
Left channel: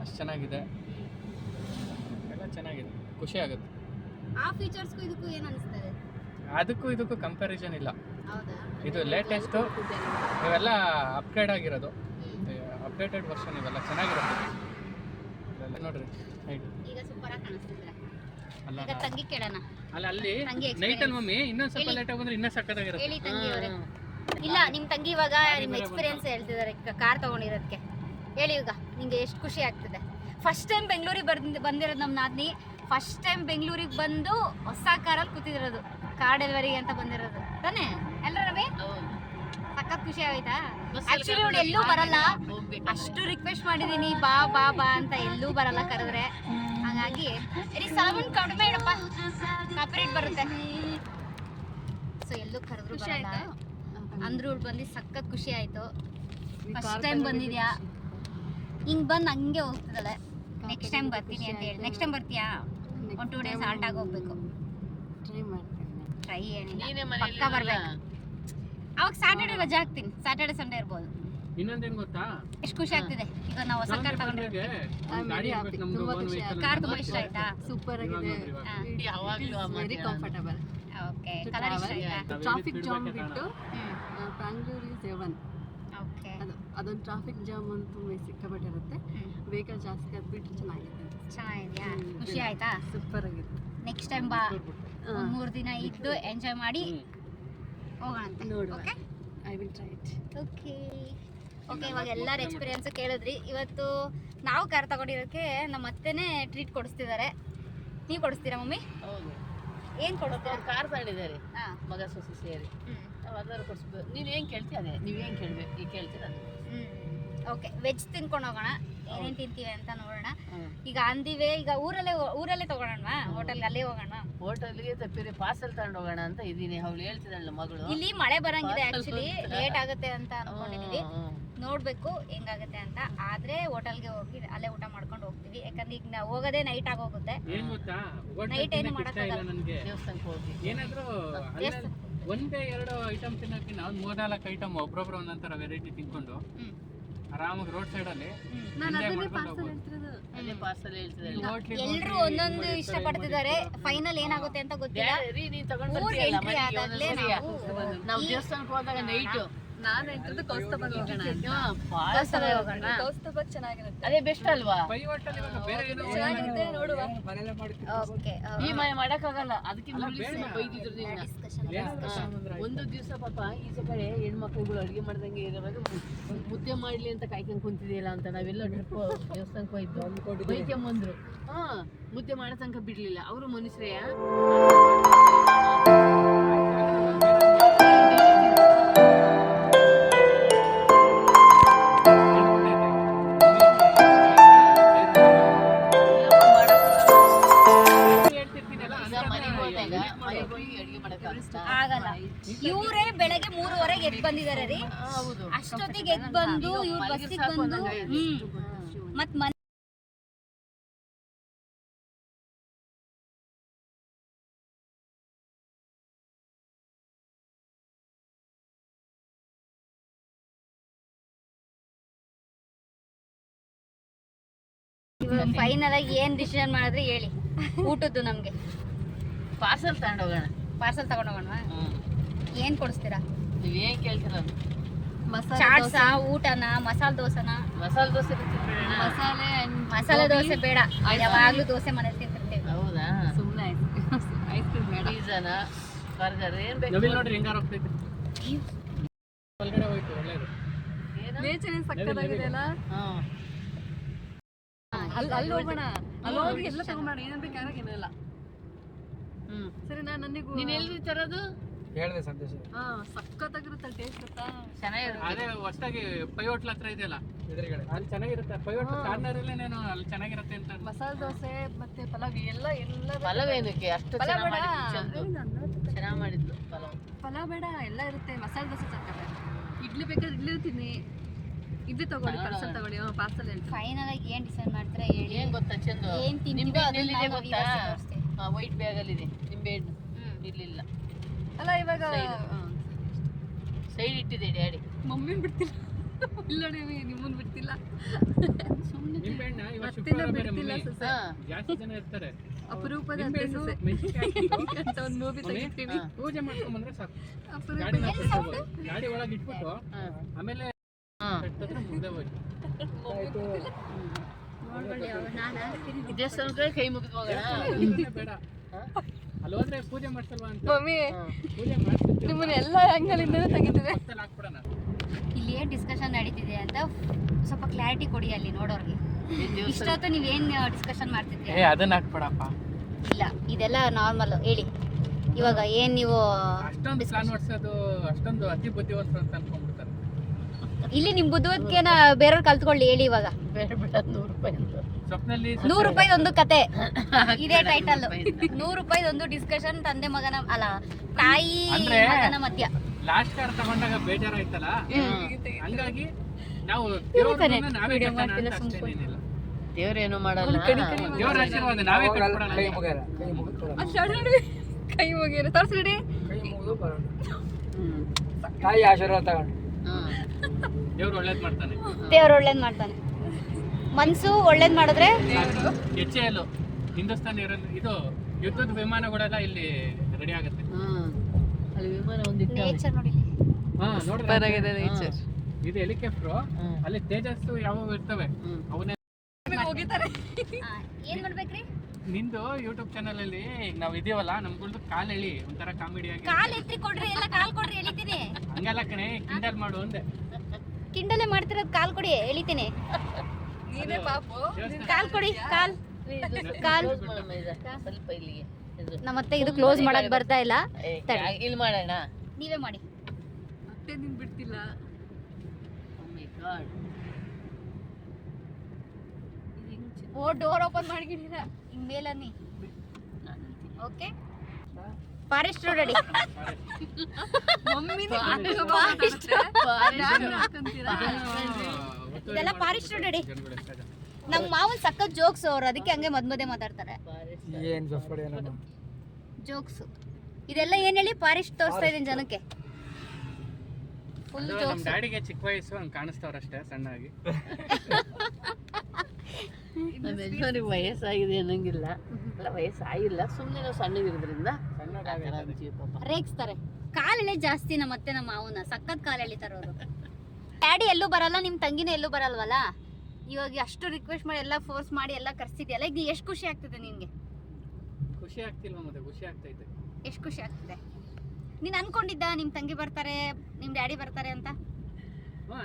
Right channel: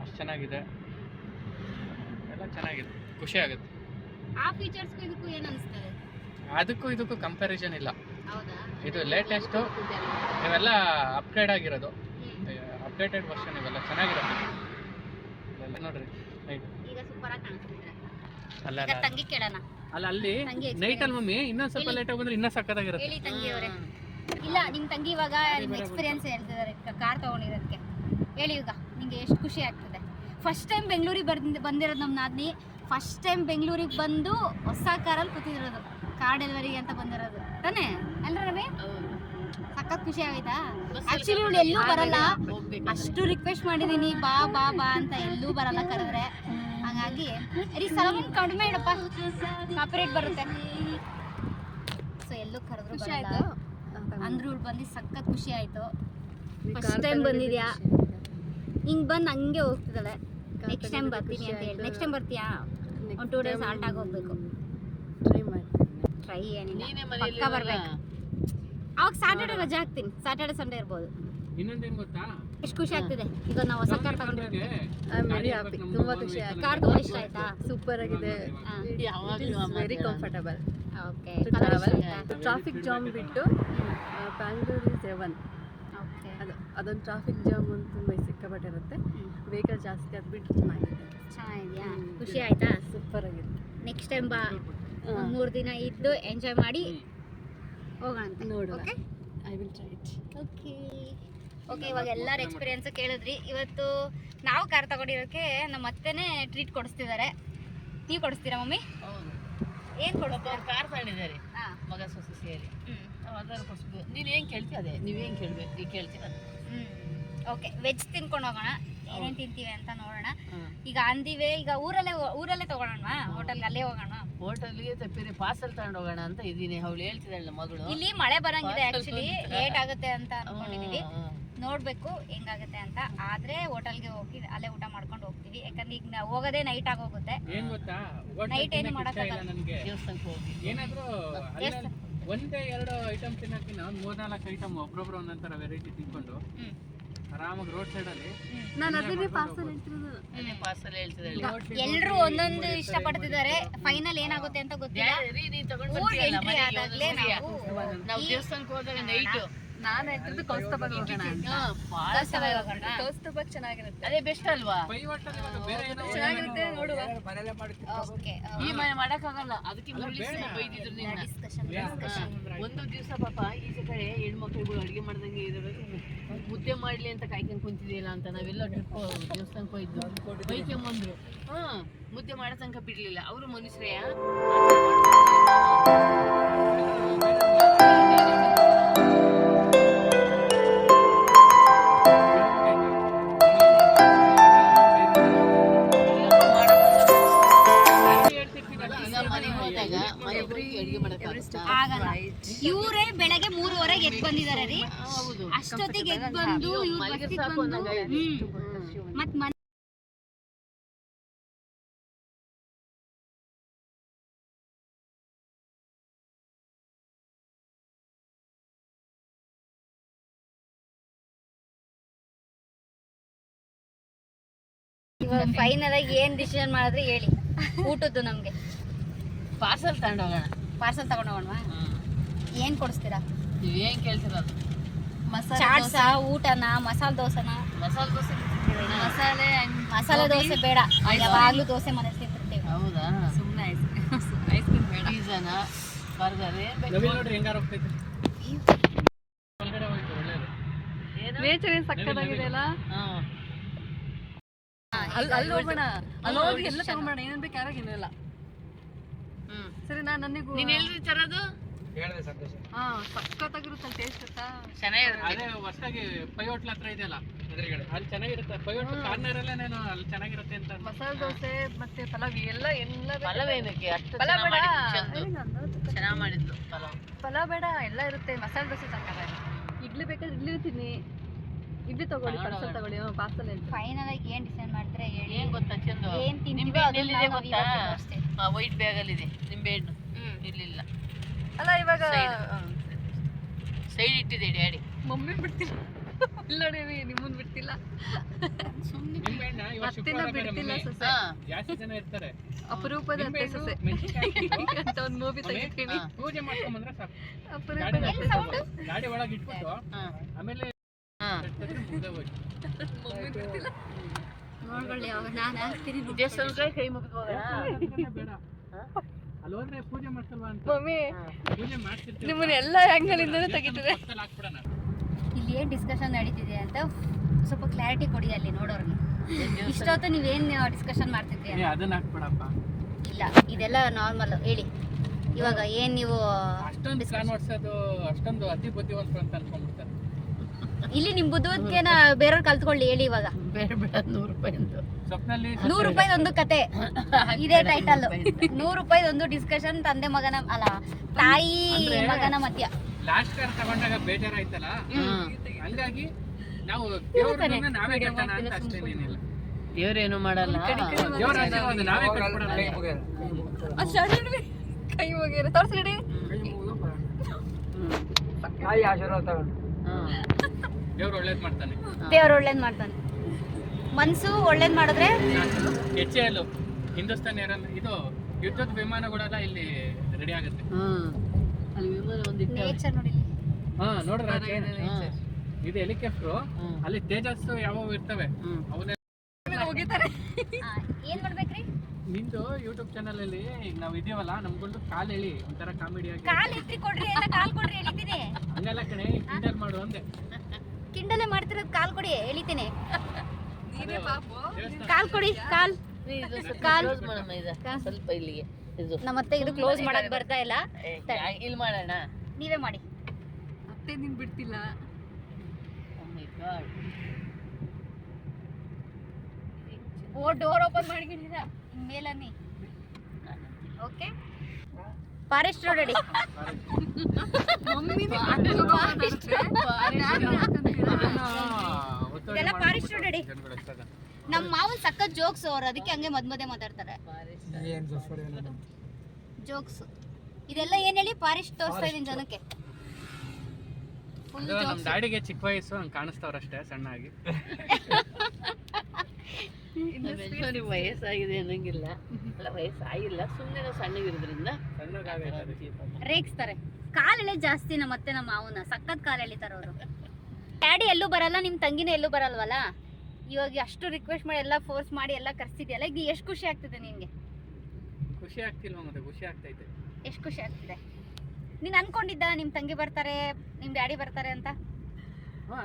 ಅಷ್ಟು ಚೆನ್ನಾಗಿದೆ, ಎಲ್ಲ ಚೆನ್ನಾಗಿದೆ, ಖುಷಿ ಆಗುತ್ತೆ. ಆ ಫೀಚರ್ಸ್ಗೂ ಇದಕ್ಕೂ ಏನ್ ಅನಿಸ್ತದೆ? ಅದಕ್ಕೂ ಇದಕ್ಕೂ ಕಂಪ್ಯಾರಿಸನ್ ಇಲ್ಲ. ಹೌದಾ? ಇದು ಲೇಟೆಸ್ಟು, ಇವೆಲ್ಲ ಅಪ್ಗ್ರೇಡ್ ಆಗಿರೋದು, ಅಪ್ಡೇಟೆಡ್ ವರ್ಷನ್, ಇವೆಲ್ಲ ಚೆನ್ನಾಗಿರುತ್ತೆ. ಇವೆಲ್ಲ ನೋಡ್ರಿ ನೈಟ್ ಈಗ ಸೂಪರ್ ಆಗಿ ಕಾಣಿಸ್ತಿದ್ರೆ. ಅಲ್ಲ ಈಗ ತಂಗಿ ಕೇಳೋಣ. ಅಲ್ಲಿ ತಂಗಿ ನೈಟ್ ಅಲ್ಲಿ ಮಮ್ಮಿ ಇನ್ನೊಂದ್ ಸ್ವಲ್ಪ ಹೇಳಿ. ಲೇಟ್ ಬಂದ್ರೆ ಇನ್ನೂ ಸಕ್ಕತ್ತಾಗಿರುತ್ತೆ. ಹೇಳಿ ತಂಗಿ ಅವರೇ. ಇಲ್ಲ, ನಿಮ್ ತಂಗಿ ಇವಾಗ ನಿಮ್ ಎಕ್ಸ್ಪೀರಿಯನ್ಸ್ ಹೇಳ್ತಿದ್ದಾರೆ ಕಾರ್ ತಗೊಂಡಿರೋದಕ್ಕೆ. ಹೇಳಿ, ಈಗ ನಿಂಗೆ ಎಷ್ಟು ಖುಷಿ ಆಗ್ತದೆ? ಫಸ್ಟ್ ಟೈಮ್ ಬೆಂಗಳೂರಿಗೆ ಬಂದಿರೋದು ನಮ್ಮ ನಾದ್ನಿ. ಫಸ್ಟ್ ಟೈಮ್ ಬೆಂಗಳೂರಿಗೆ ಬಂದು ಹೊಸ ಕಾರಲ್ಲಿ ಕೂತಿರೋದು, ಕಾರ್ ಡೆಲಿವರಿ ಅಂತ ಬಂದಿರೋದು ತಾನೇ ಅಲ್ರ ರವಿ? ಸಖತ್ ಖುಷಿ ಆಯ್ತಾ? ಆಕ್ಚುಲಿ ಇವಳು ಎಲ್ಲೂ ಬರಲ್ಲ, ಅಷ್ಟು ರಿಕ್ವೆಸ್ಟ್ ಮಾಡಿದೀನಿ ಬಾ ಬಾ ಬಾ ಅಂತ, ಎಲ್ಲೂ ಬರಲ್ಲ ಕರೆದ್ರೆ. ಹಾಗಾಗಿ ಸಲವನ್ ಕಡಿಮೆ ಇಡಪ್ಪ, ಕಾಪಿರೇಟ್ ಬರುತ್ತೆ. ಸೊ ಎಲ್ಲೂ ಕರೆದ್ರು ಬರಲ್ಲ ಅಂದ್ರೂ ಇವಳು ಬಂದು ಸಖತ್ ಖುಷಿ ಆಯ್ತು. ಫಸ್ಟ್ ಟೈಮ್ ಬಂದಿದ್ಯಾ, ಹಿಂಗ್ ಬಂದು ಹಂಗೆ ಹೋಗ್ತಿದ್ದಾಳೆ. ನೆಕ್ಸ್ಟ್ ಟೈಮ್ ಬರ್ತೀನಿ ಅಂತ ಹೇಳಿ. ನೆಕ್ಸ್ಟ್ ಟೈಮ್ ಬರ್ತೀಯಾ? ಒಂದು 2 days ಆಲ್ಟ್ ಆಗಿ ಹೋಗ್ಬೇಕು. ಟ್ರೈ ಏನಿಲ್ಲ, ಪಕ್ಕ ಬರ್ಬೇಕು. ಅವಾಗ ಸ್ಯಾಟರ್ಡೆ ರಜಾ ಹಾಕ್ತೀನಿ, ಸ್ಯಾಟರ್ಡೆ ಸಂಡೇ ಇರ್ಬೋದು. ಇನ್ನೊಂದೇನ್ ಗೊತ್ತಾ, ಎಷ್ಟು ಖುಷಿ ಆಗ್ತಿದೆ ಈಗ ನಾವು ಹೊಸ ಕಾರ್ ತಗೊಂಡಿದ್ವಿ. ತುಂಬಾ ಖುಷಿ ಆಯ್ತು. ಕಾರ್ ತುಂಬಾ ಇಷ್ಟ ಆಯ್ತಾ? ಸೂಪರ್ ಆಗಿದೆ, ವೆರಿ ಕಂಫರ್ಟಬಲ್. ಓಕೆ, ಕಲರ್ ಇಷ್ಟ ಆಯ್ತಾ? ಟ್ರಾಫಿಕ್ ಜಾಮ್ ಬಿಟ್ಟು ಬ್ಯಾಂಗ್ಳೂರ್ ಇಸ್ ಎವನ್. ಓಕೆ, ಅದೊಂದು ಟ್ರಾಫಿಕ್ ಜಾಮ್ ಅಂತ ತುಂಬ ಸಿಕ್ಕಾಪಟ್ಟೆ ಇರುತ್ತೆ, ವೆಹಿಕಲ್ ಜಾಸ್ತಿ ಅದು ಬಿಟ್ಟು ಚೆನ್ನಾಗಿದೆ. ಚೆನ್ನಾಗಿದ್ಯಾ? ಖುಷಿ ಆಯ್ತಾ? ಸೂಪರ್ ಆಗಿದೆ. ನೆಕ್ಸ್ಟ್ ಟೈಮ್ ಬಾ, ಒಂದು 3 ದಿನ ಇದ್ದು ಎಂಜಾಯ್ ಮಾಡಿ ಹೋಗೋಣ ಅಂತ. ನೋಡುವ. Okay, I will try it. Okay okay. ಇವಾಗ ಎಲ್ಲರ ಎಕ್ಸ್ಪೀರಿಯನ್ಸ್ ಕೇಳಿದ್ರಿ. ಇವತ್ತು ನಾವು ಕಾರ್ ತಗೊಂಡಿರೋಕ್ಕೆ ನಮ್ಮ ಅತ್ತೆನೇ ಟ್ರೀಟ್ ಕೊಡಿಸ್ತಿದ್ದಾರೆ. ನೀವು ಕೊಡಿಸ್ತೀರಾ ಮಮ್ಮಿ? ಹೌದು, ಏನು ಕೊಡಿಸ್ತೀರಾ? ಕಾರ್ ತಗೊಂಡಿದ್ದಾರೆ ಹಾಂ, ಮಗ ಸೊಸೆ ಸೇರಿ. ಅದರ ಕೊಡಿಸ್ಬೇಕು. ನೀನು ಏನು ಕೇಳ್ತೀಯ ಅದೇ, ನೀವೇನು ಕೇಳಬೇಕು, ನೀವು ಕೇಳ್ತೀರ. ಓಕೆ. ವೆಜ್ ತಿನ್ಕೊಂಡು ಹೋಗೋಣ, ಏನೇನು ತಿಂತೀವಿ ಅಂತ ನೋಡೋಣ. ಈಗ ಅಂದಿವೆ, ಈಗ ಊರಲ್ಲೇ ತಗೊಳ್ಳೋಣ, ಹೋಟೆಲ್ಗೆ ಅಲ್ಲೇ ಹೋಗೋಣ. ಹೋಟೆಲ್ಗೆ ಬೇರೆ ಪಾರ್ಸಲ್ ತಗೊಂಡು ಹೋಗೋಣ ಅಂತ ಇದೀನಿ. ಅವಳು ಹೇಳ್ತಿದ್ದಾಳೆ ಮಗಳು. ಇಲ್ಲಿ ಮಳೆ ಬರಂಗಿದೆ, ಆಕ್ಚುಲಿ ಲೇಟ್ ಆಗುತ್ತೆ ಅಂತ ಅನ್ಕೊಂಡಿದೀವಿ. ನೋಡ್ಬೇಕು ಹೆಂಗಾಗುತ್ತೆ ಅಂತ. ಆದ್ರೆ ಹೋಟೆಲ್ಗೆ ಹೋಗಿ ಅಲ್ಲೇ ಊಟ ಮಾಡ್ಕೊಂಡು ಹೋಗ್ತೀವಿ, ಯಾಕಂದ್ರೆ ಈಗ ನಾವು ಹೋಗೋದೇ ನೈಟ್ ಆಗೋಗುತ್ತೆ. ಏನ್ ಗೊತ್ತಾ, ನೈಟ್ ಏನು ಮಾಡೋಕ್ಕಾಗಲ್ಲ. ನನಗೆ ದೇವಸ್ಥಾನಕ್ಕೆ ಹೋಗಿ ಏನಾದ್ರೂ ಒಂದೇ 2 ಐಟಮ್ ತಿನ್ನೋಕ್ಕಿಂತ ಒಂದು 3-4 ಐಟಮ್ ಒಬ್ಬೊಬ್ರು ಒಂದೊಂಥರ ವೆರೈಟಿ ತಿನ್ಕೊಂಡು ಆರಾಮಾಗಿ ರೋಡ್ ಸೈಡ್ ಅಲ್ಲಿ ಅದೇ ಪಾರ್ಸಲ್ ಹೇಳ್ತಿದ್ದಾಳೆ. ಎಲ್ರು ಒಂದೊಂದು ಇಷ್ಟಪಡ್ತಿದ್ದಾರೆ. ಫೈನಲ್ ಏನಾಗುತ್ತೆ ಅಂತ ಗೊತ್ತಿಲ್ಲ. ನೀನ್ ತಗೊಂಡು ಊರ್ ಎಂಟ್ರಿ ಆದಾಗ್ಲೇ ನಾವು ದೇವಸ್ಥಾನಕ್ಕೆ ಹೋದಾಗ ನೈಟ್ ನಾನು ಹೇಳ್ತಿದ್ದು ಕೌಸ್ತುಭಕ್ಕೆ ಕೌಸ್ತುಭಕ್ಕೆ ಚೆನ್ನಾಗಿರುತ್ತೆ. ಅದೇ ಬೆಸ್ಟ್ ಅಲ್ವಾ? ಪೈ ಹೋಟೆಲ್ ಇವಾಗ ಬೇರೆ ಏನೋ ಚೆನ್ನಾಗಿರುತ್ತೆ ನೋಡುವ. ಓಕೆ ಈ ಮನೆ ಮಾಡಕ್ಕಾಗಲ್ಲ, ಅದಕ್ಕೆ ಬೈತಿದ್ರು ನಿನ್ನ. ಒಂದು ದಿವಸ ಪಾಪ ಈಚೆ ಕಡೆ ಹೆಣ್ಮಕ್ಳುಗಳು ಅಡುಗೆ ಮಾಡ್ದಂಗೆ ಇರೋವಾಗ ಮುದ್ದೆ ಮಾಡ್ಲಿ ಅಂತ ಕಾಯ್ಕೊಂಡು ಕುಂತಿದೆಯಲ್ಲ ಅಂತ ನಾವೆಲ್ಲ ಟ್ರಿಪ್ ದೇವಸ್ಥಾನಕ್ಕೆ ಹೋಯ್ತು, ಬೈಕೊಂಬಂದ್ರು. ಮುದ್ದೆ ಮಾಡೋ ತನಕ ಬಿಡ್ಲಿಲ್ಲ ಅವರು ಮನುಷ್ಯರೇ. ಆಗಲ್ಲ. ಇವ್ರೇ ಬೆಳಗ್ಗೆ 3:30 ಎದ್ದು ಬಂದಿದ್ದಾರೆ ರೀ. ಅಷ್ಟೊತ್ತಿಗೆ ಎದ್ದು ಬಂದು ಇವ್ರ ಬಸ್ಸಿಗೆ ಬಂದು ಮತ್ ಇವಾಗ ಫೈನಲ್ ಆಗಿ ಏನ್ ಡಿಸಿಷನ್ ಮಾಡಿದ್ರೆ ಹೇಳಿ. ಊಟದ್ದು ನಮ್ಗೆ ಪಾರ್ಸಲ್ ತಗೊಂಡೋಗೋಣ. ಪಾರ್ಸಲ್ ತಗೊಂಡ್ ಹೋಗೋಣವಾ? ಏನ್ ಕೊಡಿಸ್ತೀರಾ? ನೀವೇನ್ ಕೇಳ್ತಿರೋದು? ಚಾಟ್ಸ, ಊಟನ, ಮಸಾಲೆ ದೋಸೆನ? ಮಸಾಲೆ ದೋಸೆ ಮಸಾಲೆ ದೋಸೆ ಬೇಡ, ಯಾವಾಗ್ಲೂ ದೋಸೆ ಮನೇಲಿ ತಿಂತಿರ್ತೀವಿ. ಹೌದಾ? ಸುಮ್ಮನೆ ಐಸ್ ಕ್ರೀಮ್ ಬೇಡ. ಪಿಜ್ಜಾನ, ಬರ್ಗರ್ ಏನ್ ಬೇಕು ನವಿಲ್ ನೋಡ್ರಿ ಹೆಂಗಾರ ಹೋಗ್ತೈತಿ. ಒಳಗಡೆ ಹೋಯ್ತು ಒಳ್ಳೇದು. ನೇಚರ್ ಏನ್ ಸಕ್ಕತ್ತಾಗಿದೆ ಅಲ್ಲ. ಅಲ್ಲಿ ಹೋಗೋಣ, ಅಲ್ಲಿ ಹೋಗಿ ಎಲ್ಲ ತಗೊಂಡ್ಬೇಡ, ಏನ್ ಬೇಕು ಯಾರಿಗೆ ಏನಲ್ಲ. ಸರಿ, ನಾನು ನನಗೂ ನೀನ್ ಎಲ್ರಿ ತರೋದು ಹೇಳಿದೆ ಸಂದೇಶ. ಸಕ್ಕತ್ತಾಗಿರುತ್ತೆ ಟೇಸ್ಟ್ ಗೊತ್ತಾ? ಚೆನ್ನಾಗಿರುತ್ತೆ. ಅದೇ ಹೊಸದಾಗಿ ಪೈ ಹೋಟ್ಲ್ ಹತ್ರ ಇದೆಯಲ್ಲ ಎದುರುಗಡೆ, ಅಲ್ಲಿ ಚೆನ್ನಾಗಿರುತ್ತೆ. ಪೈ ಹೋಟ್ಲ್ ಕಾರ್ನರಲ್ಲೇ ನಾನು ಅಲ್ಲಿ ಚೆನ್ನಾಗಿರುತ್ತೆ ಅಂತ. ಮಸಾಲೆ ದೋಸೆ ಮತ್ತೆ ಪಲಾವ್ ಎಲ್ಲ ಪಲಾವ್ ಏನಕ್ಕೆ ಅಷ್ಟು ಪಲಾವ್ ಬೇಡ, ಚೆನ್ನಾಗಿ ಮಾಡಿದ್ಲು ಪಲಾವ್. ಪಲಾವ್ ಬೇಡ, ಎಲ್ಲ ಇರುತ್ತೆ. ಮಸಾಲೆ ದೋಸೆ ಸಾಕಾಗ. ಇಡ್ಲಿ ಬೇಕಾದ್ರೆ ಇಡ್ಲಿ ತಿನ್ನಿ, ಇಡ್ಲಿ ತಗೊಳ್ಳಿ, ಪಾರ್ಸಲ್ ತಗೊಳ್ಳಿ. ಪಾರ್ಸಲ್ ಎಲ್ಲಿ? ಫೈನಲ್ ಆಗಿ ಏನ್ ಡಿಸೈಡ್ ಮಾಡ್ತೀರಾ ಹೇಳಿ. ಏನ್ ಗೊತ್ತಾ ಚಂದು, ಏನ್ ತಿಂತೀವಿ ನಿಂಬೆ ಅದನ್ನ ಅದೆಲ್ಲಿದೆ ನಾವು ಗೊತ್ತಾ? ಇವತ್ತೇ ತೋರಿಸ್ತೀವಿ. ವೈಟ್ ಬ್ಯಾಗ್ ಅಲ್ಲಿ ಇದೆ ನಿಂಬೆ ಹಣ್ಣು. ಇರ್ಲಿಲ್ಲ, ಅಲ್ಲ ಇವಾಗ ಸೈಡ್ ಇಟ್ಟಿದೆ ಡ್ಯಾಡಿ. ಮಮ್ಮಿ ಬಿಡ್ತಿಲ್ಲ, ಇಲ್ಲ ನೋಡಿ ನಿಮ್ಮನ್ ಬಿಡ್ತಿಲ್ಲ. ನಿಂಬೆಹಣ್ಣ ಇವತ್ತು ಅತ್ತೆನ ಶುಕ್ರವಾರ ಬೇರೆ ಬಿಡ್ತಿಲ್ಲ ಮಮ್ಮಿ. ಸೊಸೆ. ಜಾಸ್ತಿ ಜನ ಇರ್ತಾರೆ. ಅಪರೂಪದ ನಿಂಬೆಹಣ್ಣು, ಸೊಸೆ ಮೆಣಸಿನ್ಕಾಯಿ ಹಾಕ್ಬಿಟ್ಟು ಅಂತ ಒಂದು ಮೂವಿ ತೆಗಿತೀನಿ. ಪೂಜೆ ಮಾಡ್ಕೊಂಬಂದ್ರೆ ಸಾಕು. ಅಪರೂಪದ ಗಾಡಿ ಸೊಸೆ. ಗಾಡಿ ಒಳಗೆ ಇಟ್ಬಿಟ್ಟು ಆಮೇಲೆ ಎತ್ತಿದ್ರೆ ಮುಗ್ದೆ ಹೋಗಿ. ನೋಡ್ಕೊಳ್ಳಿ, ಅವಾಗ ನಾನು ಹಾಕ್ತೀನಿ. ದೇವಸ್ಥಾನಕ್ಕೆ ಕೈ ಮುಗಿದು ಹೋಗೋಣ. ಬೇಡ, ಅಲ್ಲಿ ಹೋದ್ರೆ ಪೂಜೆ ಮಾಡ್ಸಲ್ವಾ ಅಂತ. ಮಮ್ಮಿ ಪೂಜೆ ಮಾಡ್ತಿರ್ತೀವಿ, ನಿಮ್ಮನ್ನ ಎಲ್ಲ ಆಂಗಲ್ ಇಂದನೂ ತೆಗಿತಿದೆ. ಹಾಕ್ಬಿಡೋಣ. ಇಲ್ಲಿ ಏನ್ ಡಿಸ್ಕಷನ್ ನಡೀತಿದೆ ಅಂತ ಸ್ವಲ್ಪ ಕ್ಲಾರಿಟಿ ಕೊಡಿ ಅಲ್ಲಿ ನೋಡೋರ್ಗೆ. ಇಷ್ಟೊತ್ತು ನೀವೇನ್ ಡಿಸ್ಕಷನ್ ಮಾಡ್ತಿದ್ರಿ? ಅದನ್ನ ಹಾಕ್ಬೇಡಪ್ಪ. ಇಲ್ಲ, ಇದೆಲ್ಲ ನಾರ್ಮಲ್ ಹೇಳಿ. ಇವಾಗ ಏನ್ ನೀವು ಅಷ್ಟೊಂದು ಪ್ಲಾನ್ ಹೊಡ್ಸೋದು ಅಷ್ಟೊಂದು ಅತಿ ಬುದ್ಧಿವಂತರು ಅಂತ ಅನ್ಕೊಂಡ್ಬಿಡ್ತಾರೆ. ಇಲ್ಲಿ ನಿಮ್ ಬುದ್ಧಿವಂತಿಕೆನ ಬೇರೆಯವ್ರು ಕಲ್ತ್ಕೊಳ್ಳಿ ಹೇಳಿ. ಇವಾಗ ಬೇಡ ಬೇಡ, 100 ರೂಪಾಯಿ ಅಂತ. ಸ್ವಪ್ನಲ್ಲಿ 100 ರೂಪಾಯಿ ಒಂದು ಕತೆ, ಇದೇ ಟೈಟಲ್. 100 ರೂಪಾಯಿ ಒಂದು ಡಿಸ್ಕಷನ್, ತಂದೆ ಮಗನ ಅಲ್ಲ ತಾಯಿ ಅಂದ್ರೆ ಮಗನ ಮಧ್ಯ. ಲಾಸ್ಟ್ ಕಾರ್ ತಗೊಂಡಾಗ ಬೇಜಾರಾಯ್ತಲ್ಲ, ಹಂಗಾಗಿ ನಾವು ದೇವ್ರನ್ನ ನಾವೇ ಕಟ್ಟೋಣ ಅಂತ ಅಷ್ಟೇನೇನಿಲ್ಲ. ದೇವ್ರೇನು ಮಾಡಲ್ಲ. ದೇವ್ರ ಆಶೀರ್ವಾದ ನಾವೇ ಕಟ್ಬಿಡೋಣ. ಕೈ ಹೋಗಿರ ತೋರ್ಸಿ ರೆಡಿ. ತಾಯಿ ಆಶೀರ್ವಾದ ತಗೊಂಡು ದೇವ್ರು ಒಳ್ಳೇದ್ ಮಾಡ್ತಾನೆ. ದೇವ್ರು ಒಳ್ಳೇದ್ ಮಾಡ್ತಾನೆ. ಮನ್ಸು ಒಳ್ಳೇದ್ ಮಾಡಿದ್ರೆ HAL ಹಿಂದೂಸ್ತಾನ್ ಇದು ಯುದ್ಧದ ವಿಮಾನಗಳೆಲ್ಲ ಇಲ್ಲಿ ರೆಡಿ ಆಗುತ್ತೆ. ಅಲ್ಲಿ ವಿಮಾನ ಒಂದಿಟ್ಟು ನೇಚರ್ ನೋಡಿ ಇಲ್ಲಿ. ನೋಡ್ರಿ, ಇದು ಹೆಲಿಕಾಪ್ಟರ್, ಅಲ್ಲಿ ತೇಜಸ್ ಯಾವ ಇರ್ತವೆ ಅವನ್ನೇ ಹೋಗಿದ್ದಾರೆ. ಏನ್ ಮಾಡ್ಬೇಕ್ರಿ? ನಿಂದು ಯೂಟ್ಯೂಬ್ ಚಾನಲ್ ಅಲ್ಲಿ ಈಗ ನಾವ್ ಇದೀವಲ್ಲ, ನಮ್ಗೊಂದು ಕಾಲ್ ಎಳಿ ಒಂಥರ ಕಾಮಿಡಿ ಆಗಿ. ಕಾಲ್ ಎತ್ತಿ ಕೊಡ್ರಿ, ಎಲ್ಲ ಕಾಲ್ ಕೊಡ್ರಿ, ಎಳಿತೀನಿ. ಹಂಗಲ್ಲ ಕಣೆ, ಕಿಂಡಲ್ ಮಾಡು ಅಂದೆ. ಕಿಂಡಲೆ ಮಾಡ್ತಿರೋದು ಕಾಲ್ ಕೊಡಿ, ಎಳಿತೀನಿ. ನೀನೇ ಪಾಪು. ಕಾಲ್ ಕೊಡಿ, ಕಾಲ್. ಕಾಲ್ ಸ್ವಲ್ಪ ಇಲ್ಲಿಗೆ ಇದು ನಮ್ಮತ್ತೆ ಇದು ಕ್ಲೋಸ್ ಮಾಡಕ್ ಬರ್ತಾ ಇಲ್ಲ. ಇಲ್ಲಿ ಮಾಡೋಣ. ನೀವೇ ಮಾಡಿ. ಮತ್ತೆ ನಿನ್ ಬಿಡ್ತಿಲ್ಲ. ಓ ಡೋರ್ ಓಪನ್ ಮಾಡಿದ್ದೀರಾ ಹಿಂಗ್ ಮೇಲನ್ನಿ. Okay, forest road ready. Mummy ಇದೆಲ್ಲ ಫಾರೆಸ್ಟ್ ರೋಡ್ ರೆಡಿ. ನಮ್ಮ ಮಾವನ್ ಸಖತ್ ಜೋಕ್ಸ್ ಅವ್ರು, ಅದಕ್ಕೆ ಹಂಗೆ ಮಧ್ಯ ಮಾತಾಡ್ತಾರೆ. ಜೋಕ್ಸ್ ಇದೆಲ್ಲ ಏನ್ ಹೇಳಿ ಫಾರೆಸ್ಟ್ ತೋರಿಸ್ತಾ ಇದೀನಿ ಜನಕ್ಕೆ. ಫುಲ್ ಅದು ನಮ್ಮ ಜೋಕ್ಸ್. ಡ್ಯಾಡಿಗೆ ಚಿಕ್ಕ ವಯಸ್ಸು ಹಂಗೆ ಕಾಣಿಸ್ತವ್ರಷ್ಟೇ ಸಣ್ಣಾಗಿ. ನಮ್ಮ ಯಜಮಾನಿಗೆ ವಯಸ್ಸಾಗಿದೆ ಅನ್ನಂಗಿಲ್ಲ, ಅಲ್ಲ ವಯಸ್ಸಾಗಿಲ್ಲ, ಸುಮ್ಮನೆ ನಾವು ಸಣ್ಣಗಿರೋದ್ರಿಂದ ಅಂತೀವಿ ಪಾಪ. ರೇಗಿಸ್ತಾರೆ. ಕಾಲೆಳೆ ಜಾಸ್ತಿ ನಮ್ಮತ್ತೆ ನಮ್ಮ ಮಾವನ ಸಖತ್ ಕಾಲು ಎಳಿತಾರ ಅವರು. ಡ್ಯಾಡಿ ಎಲ್ಲೂ ಬರಲ್ಲ, ನಿಮ್ಮ ತಂಗಿನೇ ಎಲ್ಲೂ ಬರಲ್ವಲ್ಲ. ಇವಾಗ ಅಷ್ಟು ರಿಕ್ವೆಸ್ಟ್ ಮಾಡಿ ಎಲ್ಲ ಫೋರ್ಸ್ ಮಾಡಿ ಎಲ್ಲ ಕರ್ಸಿದ್ಯಲ್ಲ, ಈಗ ಎಷ್ಟು ಖುಷಿ ಆಗ್ತಿದೆ ನಿನ್ಗೆ? ಖುಷಿ ಆಗ್ತಿಲ್ವ ಮತ್ತೆ? ಖುಷಿ ಆಗ್ತೈತೆ. ಎಷ್ಟು ಖುಷಿ ಆಗ್ತಿದೆ? ನೀನು ಅನ್ಕೊಂಡಿದ್ದ ನಿಮ್ಮ ತಂಗಿ ಬರ್ತಾರೆ, ನಿಮ್ಮ ಡ್ಯಾಡಿ ಬರ್ತಾರೆ ಅಂತ?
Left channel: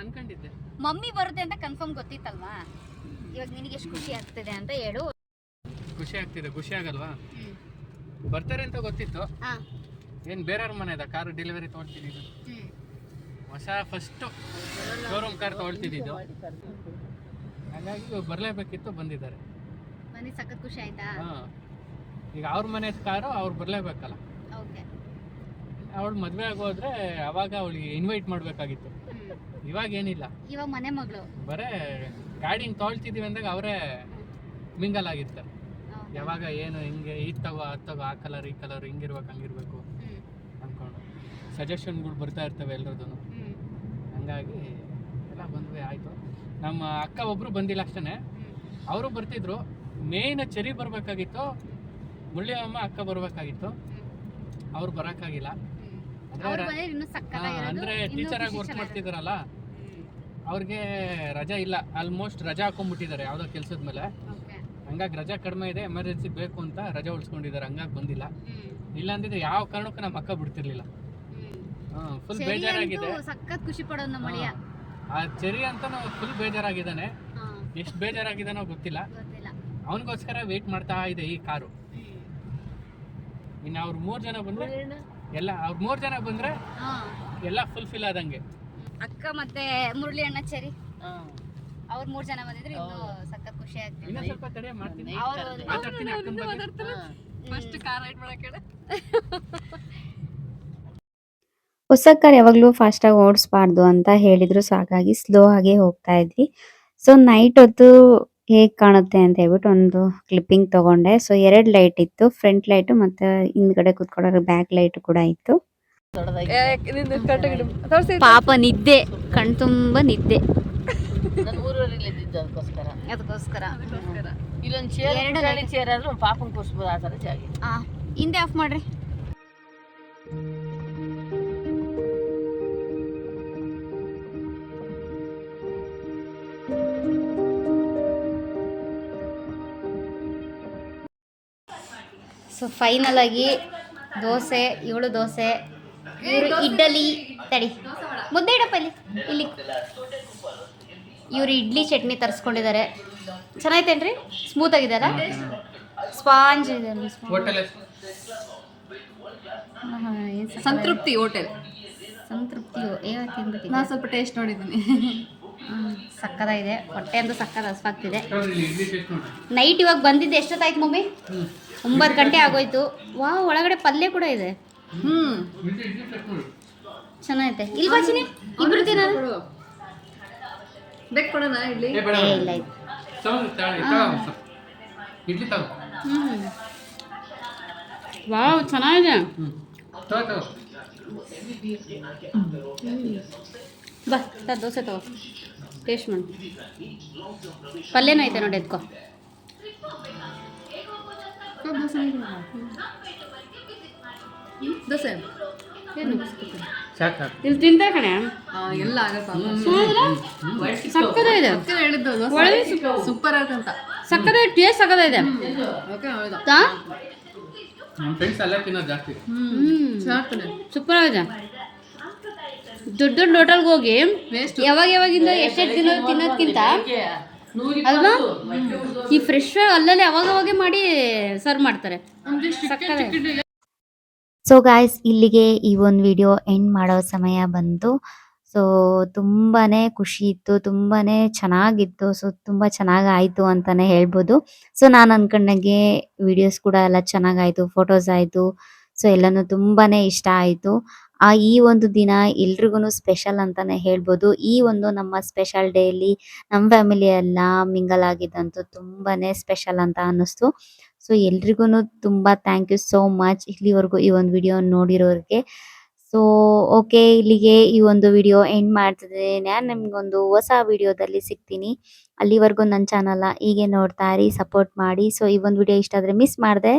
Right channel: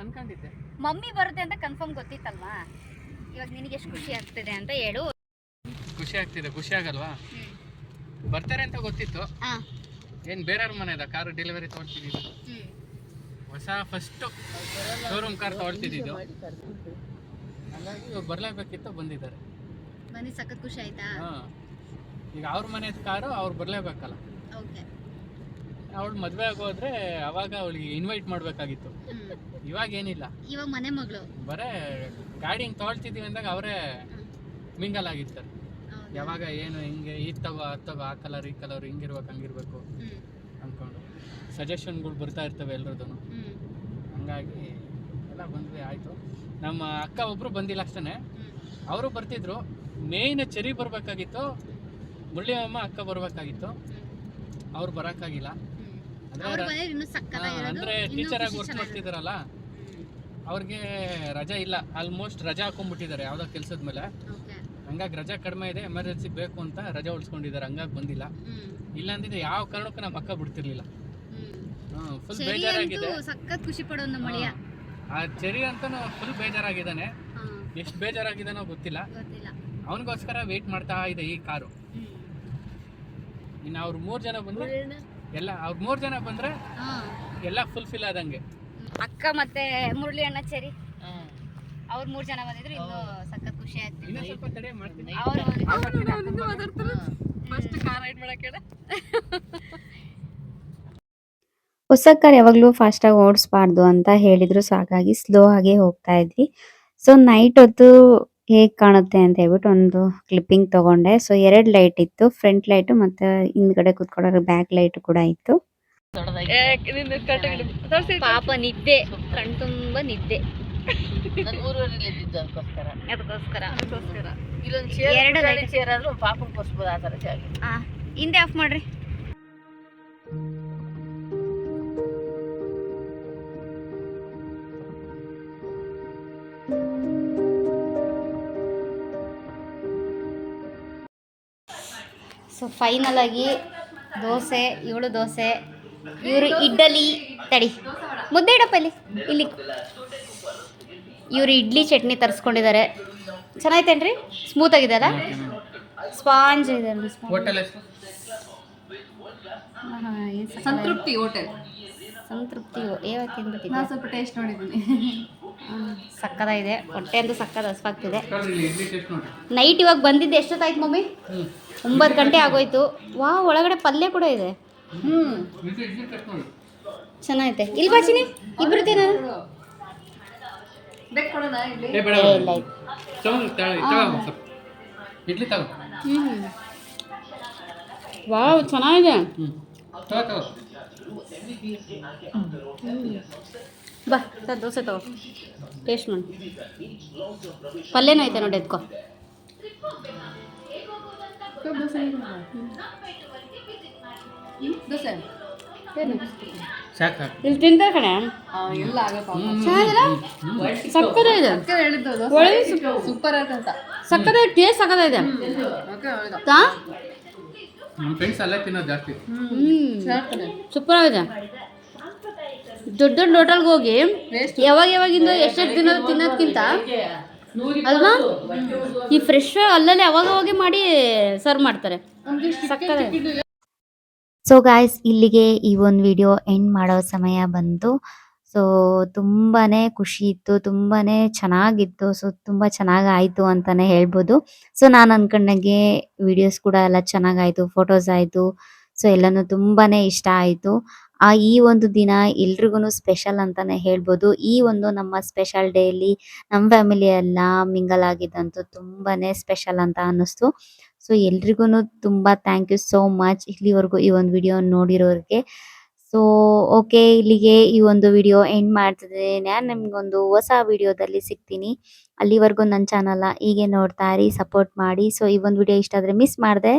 ಅನ್ಕೊಂಡಿದ್ದೆ. ಮಮ್ಮಿ ಬರುತ್ತೆ ಅಂತ ಕನ್ಫರ್ಮ್ ಗೊತ್ತಿತ್ತಲ್ವಾ? ಇವಾಗ ನಿನಗೆ ಎಷ್ಟು ಖುಷಿ ಆಗ್ತಿದೆ ಅಂತ ಹೇಳು. ಖುಷಿ ಆಗ್ತಿದೆ. ಖುಷಿ ಆಗಲ್ವಾ? ಬರ್ತಾರೆ ಅಂತ ಗೊತ್ತಿತ್ತು. ಏನು ಬೇರೆಯವ್ರ ಮನೆದ ಕಾರು ಡೆಲಿವರಿ ತೊಗೊಳ್ತಿದ್ದು, ಹೊಸ ಫಸ್ಟು ಶೋರೂಮ್ ಕಾರ್ ತೊಗೊಳ್ತಿದ್ದು. ಹಾಗಾಗಿ ಬರಲೇಬೇಕಿತ್ತು, ಬಂದಿದ್ದಾರೆ. ಬಂದು ಸಖತ್ ಖುಷಿ ಆಯ್ತಾ? ಈಗ ಅವ್ರ ಮನೆ ಕಾರು ಅವ್ರು ಬರಲೇಬೇಕಲ್ಲ. ಓಕೆ. ಅವಳು ಮದುವೆ ಆಗೋದ್ರೆ ಅವಾಗ ಅವಳಿಗೆ ಇನ್ವೈಟ್ ಮಾಡಬೇಕಾಗಿತ್ತು. ಇವಾಗ ಏನಿಲ್ಲ, ಇವಾಗ ಮನೆ ಮಗಳು ಬರೇ ಗಾಡಿ ಹಿಂಗೆ ತೊಗೊಳ್ತಿದ್ದೀವಿ ಅಂದಾಗ ಅವರೇ ಮಿಂಗಲ್ ಆಗಿರ್ತಾರೆ. ಯಾವಾಗ ಏನು ಹಿಂಗೆ ಇದು ತಗೋ ಅದು ತಗೋ, ಆ ಕಲರ್ ಈ ಕಲರ್ ಹಿಂಗಿರ್ಬೇಕು ಹಂಗಿರ್ಬೇಕು ಅಂದ್ಕೊಂಡು ಸಜೆಷನ್ಗಳು ಬರ್ತಾ ಇರ್ತವೆ ಎಲ್ರದ್ದು. ಹಂಗಾಗಿ ಎಲ್ಲ ಬಂದ್ವಿ, ಆಯಿತು. ನಮ್ಮ ಅಕ್ಕ ಒಬ್ಬರು ಬಂದಿಲ್ಲ ಅಷ್ಟೇ, ಅವರು ಬರ್ತಿದ್ರು. ಮೇಯ್ನ್ ಚೆರಿ ಬರಬೇಕಾಗಿತ್ತು, ಮುಳ್ಳಿಯಮ್ಮ ಅಕ್ಕ ಬರಬೇಕಾಗಿತ್ತು, ಅವ್ರು ಬರೋಕ್ಕಾಗಿಲ್ಲ. ಅಂದರೆ ಟೀಚರಾಗಿ ವರ್ಕ್ ಮಾಡ್ತಿದ್ದಾರಲ್ಲ, ಅವ್ರಿಗೆ ರಜಾ ಇಲ್ಲ. ಆಲ್ಮೋಸ್ಟ್ ರಜಾ ಹಾಕೊಂಡ್ಬಿಟ್ಟಿದ್ದಾರೆ ಯಾವುದೋ ಕೆಲಸದ ಮೇಲೆ. ಹಂಗಾಗಿ ರಜಾ ಕಡಿಮೆ ಇದೆ, ಎಮರ್ಜೆನ್ಸಿ ಬೇಕು ಅಂತ ರಜಾ ಉಳಿಸ್ಕೊಂಡಿದ್ದಾರೆ. ಹಂಗಾಗಿ ಬಂದಿಲ್ಲ. ಇಲ್ಲ ಅಂದಿದ್ರೆ ಯಾವ ಕಾರಣಕ್ಕೂ ನಮ್ಮ ಅಕ್ಕ ಬಿಡ್ತಿರ್ಲಿಲ್ಲ. ಫುಲ್ ಬೇಜಾರಾಗಿದೆ. ಸಖತ್ ಖುಷಿ ಪಡೋ ನಮ್ಮ ಅಳಿಯ. ಆ ಚೆರಿ ಅಂತ ಫುಲ್ ಬೇಜಾರಾಗಿದ್ದಾನೆ. ಎಷ್ಟು ಬೇಜಾರಾಗಿದ್ದಾನೋ ಗೊತ್ತಿಲ್ಲ. ಅವನಿಗೋಸ್ಕರ ವೇಟ್ ಮಾಡ್ತಾ ಇದೆ ಈ ಕಾರು. ಇನ್ನು ಅವ್ರು 3 ಜನ ಬಂದ್ರೆ ಎಲ್ಲ, ಅವ್ರು 3 ಜನ ಬಂದ್ರೆ ಎಲ್ಲ ಫುಲ್ಫಿಲ್ ಆದಂಗೆ. ಅಕ್ಕ ಮತ್ತೆ ಮುರಳಿ ಅಣ್ಣ ಚೆರಿ ಅವ್ರು 3 ಜನ ಬಂದಿದ್ರು, ಇನ್ನು ಸಖತ್ ಖುಷಿ ಆಗ್ತಿದೆ. ಇನ್ನೂ ಸ್ವಲ್ಪ ತಡೆ ಮಾಡ್ತೀನಿ. ಫಸ್ಟ್ ಕಾರ್ ರೈಡ್ ಮಾಡಕ್ಕೆ ಹೇಳ. ಹೊಸ ಕಾರ್ ಯಾವಾಗಲೂ ಫಾಸ್ಟಾಗಿ ಓಡಿಸ್ಬಾರ್ದು ಅಂತ ಹೇಳಿದ್ರು, ಸೊ ಹಾಗಾಗಿ ಸ್ಲೋ ಆಗಿ ಹೋಗ್ತಾ ಇದ್ವಿ. ಸೊ ನೈಟ್ ಹೊತ್ತು ಹೇಗೆ ಕಾಣುತ್ತೆ ಅಂತ ಹೇಳ್ಬಿಟ್ಟು ಒಂದು ಕ್ಲಿಪ್ಪಿಂಗ್ ತಗೊಂಡೆ. ಸೊ 2 ಲೈಟ್ ಇತ್ತು, ಫ್ರಂಟ್ ಲೈಟ್ ಮತ್ತೆ ಹಿಂದ್ಗಡೆ ಕುತ್ಕೊಳ್ಳೋ ಬ್ಯಾಕ್ ಲೈಟ್ ಕೂಡ ಇತ್ತು. ಪಾಪ ನಿದ್ದೆ, ಕಣ್ ತುಂಬ ನಿದ್ದೆ. ನಾನು ಊರೂರಲ್ಲಿ ಇದ್ದಿದ್ದು ಅದಕ್ಕೋಸ್ಕರ. ಇಲ್ಲೊಂದು ಚೇರ್ ಆದ್ರೂ ಪಾಪನ್ ಕೊಸ್ಬೋದು, ಆ ಥರ ಜಾಗ. ಹಿಂದೆ ಆಫ್ ಮಾಡ್ರಿ. ಸೊ ಫೈನಲ್ ಆಗಿ ದೋಸೆ, ಇವಳು ದೋಸೆ, ಇವರು ಇಡ್ಲಿ, ತಡಿ ಮುದ್ದೆ ಇಡಪ್ಪ ಇಲ್ಲಿ. ಇವರು ಇಡ್ಲಿ ಚಟ್ನಿ ತರಿಸ್ಕೊಂಡಿದ್ದಾರೆ. ಚೆನ್ನಾಯ್ತೇನ್ರಿ? ಸ್ಮೂತ್ ಆಗಿದೆಯಲ್ಲ, ಸ್ಪಾಂಜ್ ಇದೆ. ಸಂತೃಪ್ತಿ ಹೋಟೆಲ್. ಸಂತೃಪ್ತಿ ತಿಂದ್ಬಿಟ್ಟಿದ್ದೆ. ನಾನು ಸ್ವಲ್ಪ ಟೇಸ್ಟ್ ನೋಡಿದ್ದೀನಿ. ಸಕ್ಕದಾಗಿದೆ, ಹೊಟ್ಟೆ ಅಂತೂ ಸಕ್ಕದ ಹಸ್ವಾಗ್ತಿದೆ. ನೈಟ್ ಇವಾಗ ಬಂದಿದ್ದೆ. ಎಷ್ಟೊತ್ತಾಯ್ತು ಮಮ್ಮಿ? 9 ಗಂಟೆ ಆಗೋಯ್ತು. ಒಳಗಡೆ ಪಲ್ಯ ಕೂಡ ಇದೆ. ಚೆನ್ನಾಗೈತೆ. ಇಲ್ಲಿ ಬಾಚಿನಿ ಇಬ್ರು ತಿನ್ನೋಣ. ಬೇಕು ಕೊಡೋಣ ಇಡ್ಲಿ? ಇಲ್ಲ ಆಯ್ತು. ವಾವ್, ಚೆನ್ನಾಗಿದೆ. ಬಾ ದೋಸೆ ತಗೋ, ಟೇಸ್ಟ್ ಮಾಡಿ. ಪಲ್ಯನೂ ಐತೆ ನೋಡಿ, ಎತ್ಕೋ. ದೋಸೆ ಏನು ಇಲ್ಲಿ ತಿಂತಾರೆ ಕಣೆ. ಎಲ್ಲ ಆಗಪ್ಪ. ಸಕ್ಕದಾಗಿದೆ. ಹೇಳಿದ್ದು ಒಳ್ಳೆ ಸೂಪರ್ ಅಂತ. ಸಕ್ಕದಾಗಿ ಟೇಸ್ಟ್ ಸಕ್ಕದಾಗಿದೆ. ಸೂಪರ್ ಆಗಿದೆ. ದೊಡ್ಡ ದೊಡ್ಡ ಹೋಟೆಲ್ಗೆ ಹೋಗಿ ಯಾವಾಗಿಂದ ಎಷ್ಟೆಷ್ಟು ದಿನ ತಿನ್ನೋದಕ್ಕಿಂತ ಅಲ್ವಾ, ಈ ಫ್ರೆಶ್ ಅಲ್ಲಲ್ಲಿ ಅವಾಗವಾಗೆ ಮಾಡಿ ಸರ್ವ್ ಮಾಡ್ತಾರೆ. ಸಕ್ಕದಾಗಿದೆ. ಸೊ ಗಾಯ್ಸ್, ಇಲ್ಲಿಗೆ ಈ ಒಂದು ವಿಡಿಯೋ ಎಂಡ್ ಮಾಡೋ ಸಮಯ ಬಂತು. ಸೊ ತುಂಬಾ ಖುಷಿ ಇತ್ತು, ತುಂಬಾ ಚೆನ್ನಾಗಿತ್ತು. ಸೊ ತುಂಬ ಚೆನ್ನಾಗಾಯಿತು ಅಂತಲೇ ಹೇಳ್ಬೋದು. ಸೊ ನಾನು ಅಂದ್ಕೊಂಡಂಗೆ ವಿಡಿಯೋಸ್ ಕೂಡ ಎಲ್ಲ ಚೆನ್ನಾಗಾಯಿತು, ಫೋಟೋಸ್ ಆಯಿತು. ಸೊ ಎಲ್ಲನೂ ತುಂಬಾ ಇಷ್ಟ ಆಯಿತು. ಈ ಒಂದು ದಿನ ಎಲ್ರಿಗೂ ಸ್ಪೆಷಲ್ ಅಂತಲೇ ಹೇಳ್ಬೋದು. ಈ ಒಂದು ನಮ್ಮ ಸ್ಪೆಷಲ್ ಡೇಲಿ ನಮ್ಮ ಫ್ಯಾಮಿಲಿ ಎಲ್ಲ ಮಿಂಗಲ್ ಆಗಿದ್ದಂತೂ ತುಂಬಾ ಸ್ಪೆಷಲ್ ಅಂತ ಅನ್ನಿಸ್ತು. ಸೊ ಎಲ್ರಿಗೂ ತುಂಬ ಥ್ಯಾಂಕ್ ಯು ಸೋ ಮಚ್ ಇಲ್ಲಿವರೆಗೂ ಈ ಒಂದು ವಿಡಿಯೋ ನೋಡಿರೋರಿಗೆ. ಸೊ ಓಕೆ, ಇಲ್ಲಿಗೆ ಈ ಒಂದು ವಿಡಿಯೋ ಎಂಡ್ ಮಾಡ್ತಿದ್ದೀನಿ. ನಾನು ನಿಮ್ಗೊಂದು ಹೊಸ ವಿಡಿಯೋದಲ್ಲಿ ಸಿಗ್ತೀನಿ. ಅಲ್ಲಿವರೆಗೂ ನನ್ನ ಚಾನಲ್‌ನ ಹೀಗೆ ನೋಡ್ತಾ ಇರಿ, ಸಪೋರ್ಟ್ ಮಾಡಿ. ಸೊ ಈ ಒಂದು ವಿಡಿಯೋ ಇಷ್ಟ ಆದರೆ ಮಿಸ್ ಮಾಡದೆ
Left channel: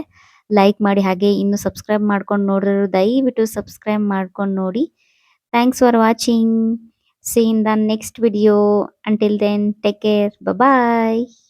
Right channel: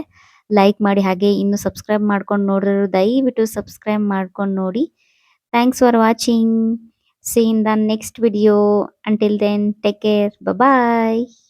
ಲೈಕ್ ಮಾಡಿ. ಹಾಗೆ ಇನ್ನೂ ಸಬ್ಸ್ಕ್ರೈಬ್ ಮಾಡ್ಕೊಂಡು ನೋಡಿರೋರು ದಯವಿಟ್ಟು ಸಬ್ಸ್ಕ್ರೈಬ್ ಮಾಡ್ಕೊಂಡು ನೋಡಿ. Thanks for watching. See you in the next video. Until then, take care. Bye bye.